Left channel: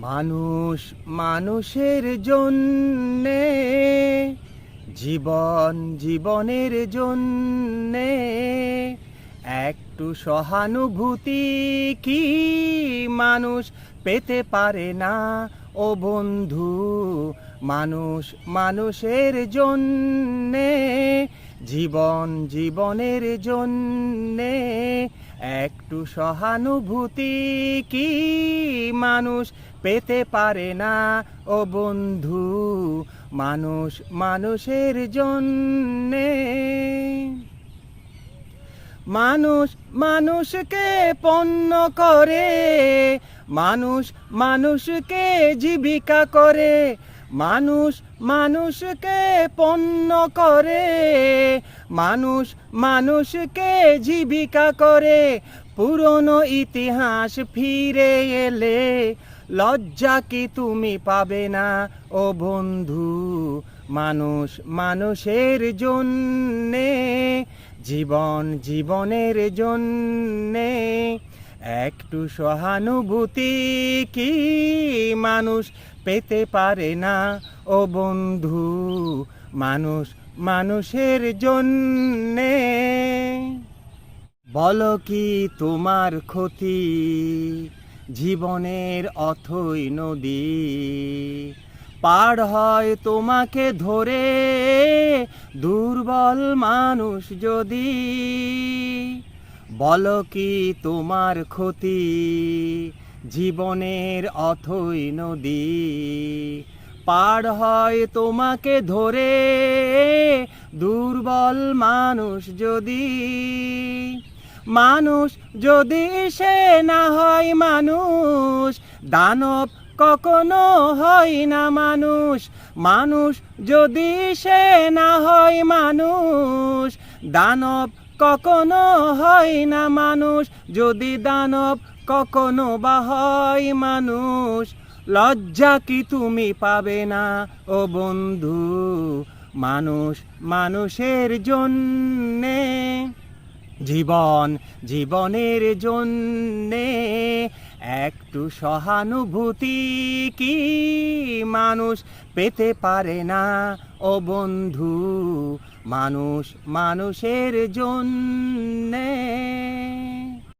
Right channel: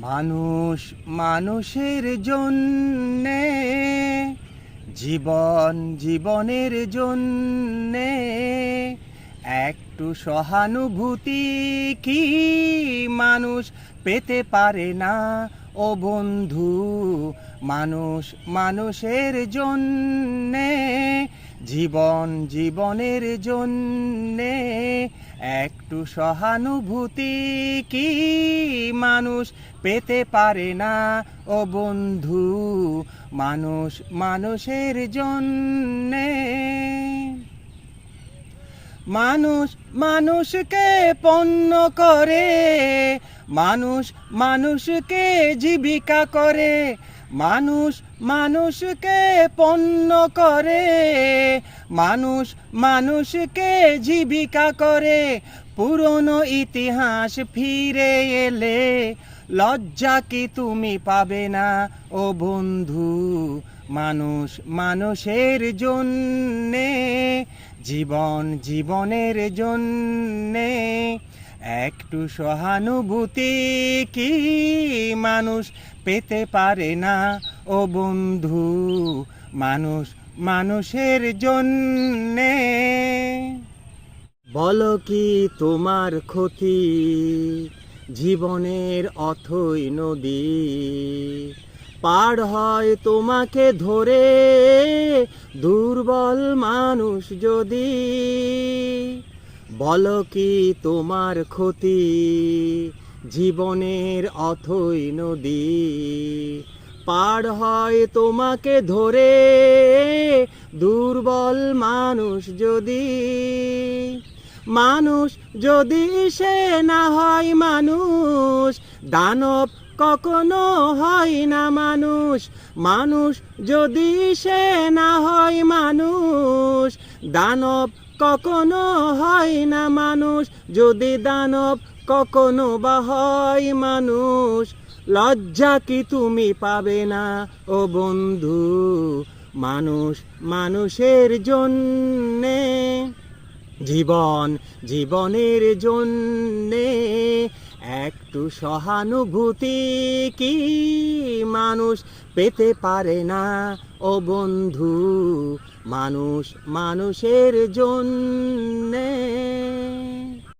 মানুষ মানুষের জন্যে, জীবন জীবনের জন্যে, একটু সহানুভূতি কি মানুষ পেতে পারে না ও বন্ধু? মানুষ মানুষের জন্যে, জীবন জীবনের জন্যে, একটু সহানুভূতি কি মানুষ পেতে পারে না ও বন্ধু? মানুষ মানুষের জন্যে। মানুষ মানুষকে পণ্য করে, মানুষ মানুষকে জীবিকা করে, মানুষ মানুষকে পণ্য করে, মানুষ মানুষকে জীবিকা করে। পুরনো ইতিহাস ফিরে এলে লজ্জা কি তুমি পাবে না ও বন্ধু? মানুষ মানুষের জন্যে, জীবন জীবনের জন্যে, একটু সহানুভূতি কি মানুষ পেতে পারে না ও বন্ধু? মানুষ মানুষের জন্যে। বলো কি তোমার ক্ষতি জীবনের অথই নদী? পার হয় তোমাকে ধরে দুর্বল মানুষ যদি। বলো কি তোমার ক্ষতি জীবনের অথই নদী? পার হয় তোমাকে ধরে দুর্বল মানুষ যদি। মানুষ যদি সে না হয় মানুষ, দানব কখনো হয় না মানুষ। মানুষ যদি সে না হয় মানুষ, দানব কখনো হয় না মানুষ। যদি দানব কখনো বা হয় মানুষ, লজ্জা কি তুমি পাবে না ও বন্ধু? মানুষ মানুষের জন্যে, জীবন জীবনের জন্যে, একটু সহানুভূতি কি মানুষ পেতে পারে না ও বন্ধু? মানুষ মানুষের জন্যে।